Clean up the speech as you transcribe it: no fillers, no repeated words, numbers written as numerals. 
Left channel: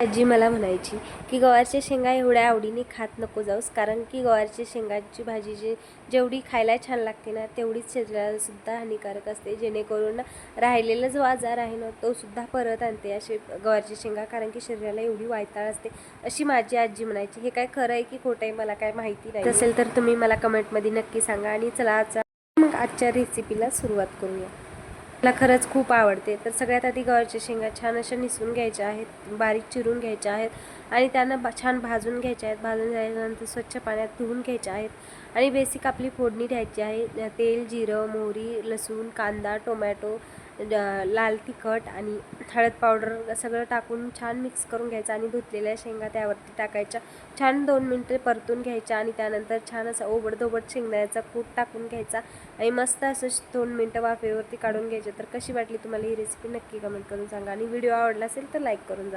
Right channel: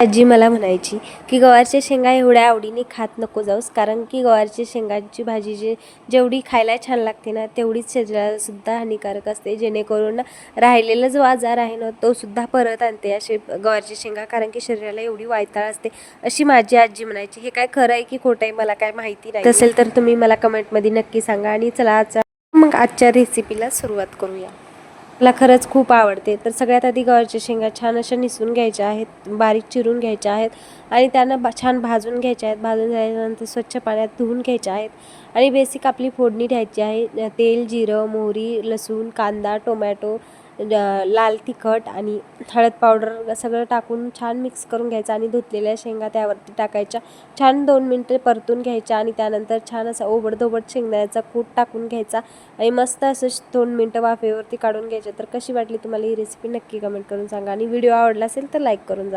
आजी मला म्हणायची की गवारच्या शेंगा एवढ्या आवडीने खात नको जाऊस, कारण की गवारच्या शेंगांची भाजी जेवढी खायला छान लागते ना, तेवढीच शरीराला सुद्धा हानिकारक असते. जेणेकरून राहिलेला जो आजार आहे ना, तो सुद्धा परत आणते असे गवारची शेंगा, कारण की शरीराला एवढी वायताळ असते, अशी माझी आजी म्हणायची. हे काय खरं आहे की खोटं आहे मला काय माहिती नाही, असेल तर तुम्ही मला कमेंटमध्ये नक्की सांगा. आणि चला आजच्या रेसिपीला सुरुवात करूया. मला खरंच खूप आवडते. तर सगळ्यात आधी गवारच्या शेंगा छान अशा निसून घ्यायच्या आहेत, बारीक चिरून घ्यायच्या आहेत आणि त्यांना छान भाजून घ्यायच्या आहेत. भाजून झाल्यानंतर स्वच्छ पाण्यात धुवून घ्यायच्या आहेत आणि बेसिक आपली फोडणी द्यायची आहे. तेल, जिरं, मोहरी, लसूण, कांदा, टोमॅटो, लाल तिखट आणि हळद पावडर सगळं टाकून छान मिक्स करून घ्यायचं आणि धुतलेल्या शेंगा त्यावरती टाकायच्या. छान 2 मिनिटं परतून घ्यायच्या आणि त्यानंतर छान असा ओबडधोबड शेंगदाण्याचा कूट टाकून घ्यायचा आणि मस्त असं 2 मिनिटं वाफेवरती काढून घ्यायचे. तर कशी वाटली तुम्हाला ही रेसिपी नक्की कमेंट करून सांगा आणि व्हिडिओ आवडला असेल तर लाईक करून जा.